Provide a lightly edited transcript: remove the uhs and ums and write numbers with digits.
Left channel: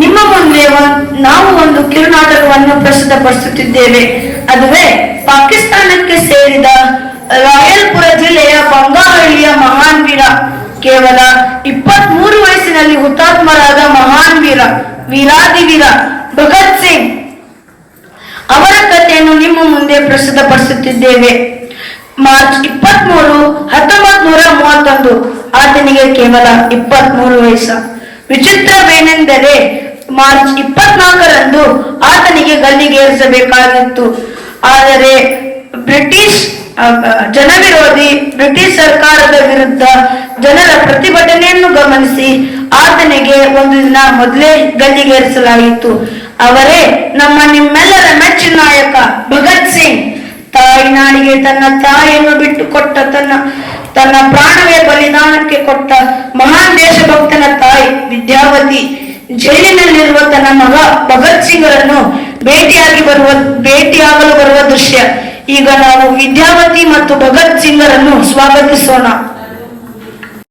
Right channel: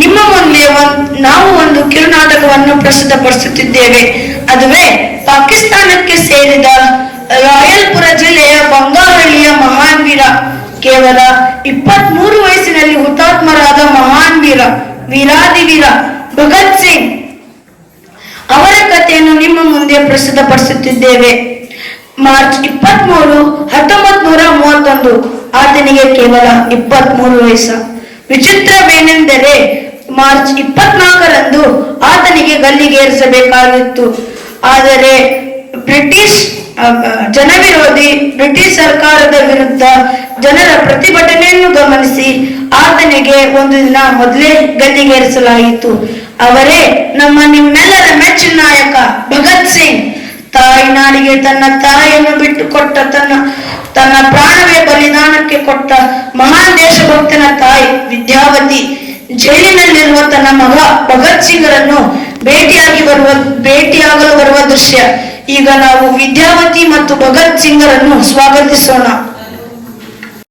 ನಿಮ್ಮ ಮುಂದೆ ನಾವು ಒಂದು ಕಿರುನಾಟಕವನ್ನು ಪ್ರಸ್ತುತಪಡಿಸುತ್ತಿದ್ದೇವೆ. ಅದುವೇ ಪಾಕಿಸ್ತಾನಕ್ಕೆ ಸೇರಿದ ರಾಯಲ್ಪುರ ಜಿಲ್ಲೆಯ ಬಂಗಾವಳ್ಳಿಯ ಮಹಾನ್ ವೀರ, ಕೇವಲ 23 ವಯಸ್ಸಿನಲ್ಲಿ ಹುತಾತ್ಮರಾದ ಮಹಾನ್ ವೀರಾದಿವೀರ ಭಗತ್ ಸಿಂಗ್ ಅವರ ಕಥೆಯನ್ನು ನಿಮ್ಮ ಮುಂದೆ ಪ್ರಸ್ತುತಪಡಿಸುತ್ತಿದ್ದೇವೆ. ಮಾರ್ಚ್ 23, 1931 ಆತನಿಗೆ ಕೇವಲ 23 ವಯಸ್ಸು. ವಿಚಿತ್ರವೇನೆಂದರೆ ಮಾರ್ಚ್ 24ರಂದು ಆತನಿಗೆ ಗಲ್ಲಿಗೇರಿಸಬೇಕಾಗಿತ್ತು. ಆದರೆ ಬ್ರಿಟಿಷ್ ಜನವಿರೋಧಿ ಬ್ರಿಟಿಷ್ ಸರ್ಕಾರದ ವಿರುದ್ಧ ಜನರ ಪ್ರತಿಭಟನೆಯನ್ನು ಗಮನಿಸಿ ಆತನಿಗೆ ಒಂದು ದಿನ ಮೊದಲೇ ಗಲ್ಲಿಗೇರಿಸಲಾಯಿತು. ಅವರೇ ನಿಮ್ಮೆಲ್ಲರ ಮೆಚ್ಚಿನ ನಾಯಕ ಭಗತ್ ಸಿಂಗ್. ತಾಯಿನಾಡಿಗೆ ತನ್ನ ತಾಯಿಯನ್ನು ಬಿಟ್ಟು ಕೊಟ್ಟ, ತನ್ನ ಪ್ರಾಣವೇ ಬಲಿದಾನಕ್ಕೆ ಕೊಟ್ಟ ಮಹಾನ್ ದೇಶಭಕ್ತನ ತಾಯಿ ವಿದ್ಯಾವತಿ ಜೈಲಿನಲ್ಲಿರುವ ತನ್ನ ಮಗ ಭಗತ್ ಸಿಂಗರನ್ನು ಭೇಟಿಯಾಗಲು ಬರುವ ದೃಶ್ಯ. ಈಗ ನಾವು ವಿದ್ಯಾವತಿ ಮತ್ತು ಭಗತ್ ಸಿಂಗರನ್ನು ಸ್ವಾಗತಿಸೋಣ.